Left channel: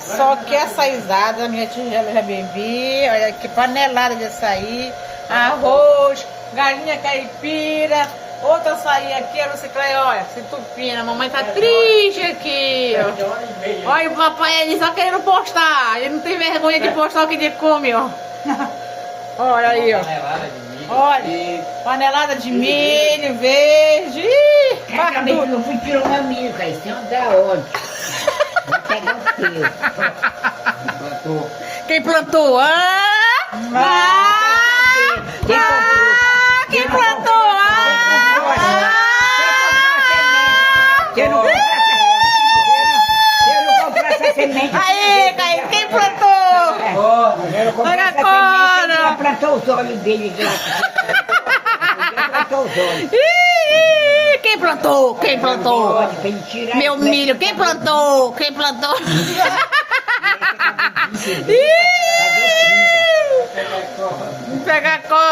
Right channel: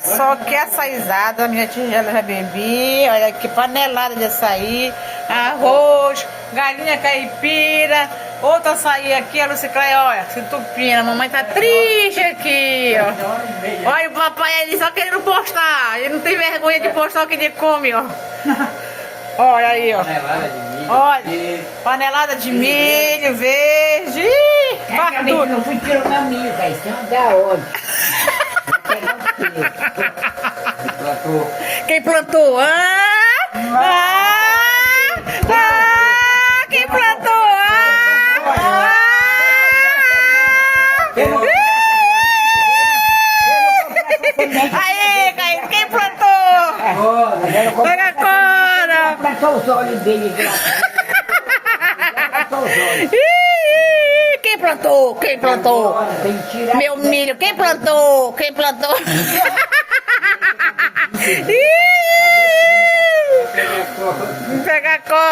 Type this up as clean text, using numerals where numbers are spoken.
só que açaizada, minha tigela já bebi. Olha que panelada de açaí, arroz, galinha caipira, outra açaí aqui, a Lucicleia, olha, se entupina. A mamãe tá triste aqui, ó. Olha o papai ali só querendo postar. Ele não tem vergonha de postar o que ele come, ó. Olha aí, ó. Olha, panelada de milho verde. Eu não fui tirar uma camisa, isso é da hora. Quem plantou? Quem plantou? Aí, Caio, quem plantou? Pega a cora. Plantou os olhos dele. Quem plantou? Quem plantou? Meu milho, quem plantou? Quem plantou? Pega a cora.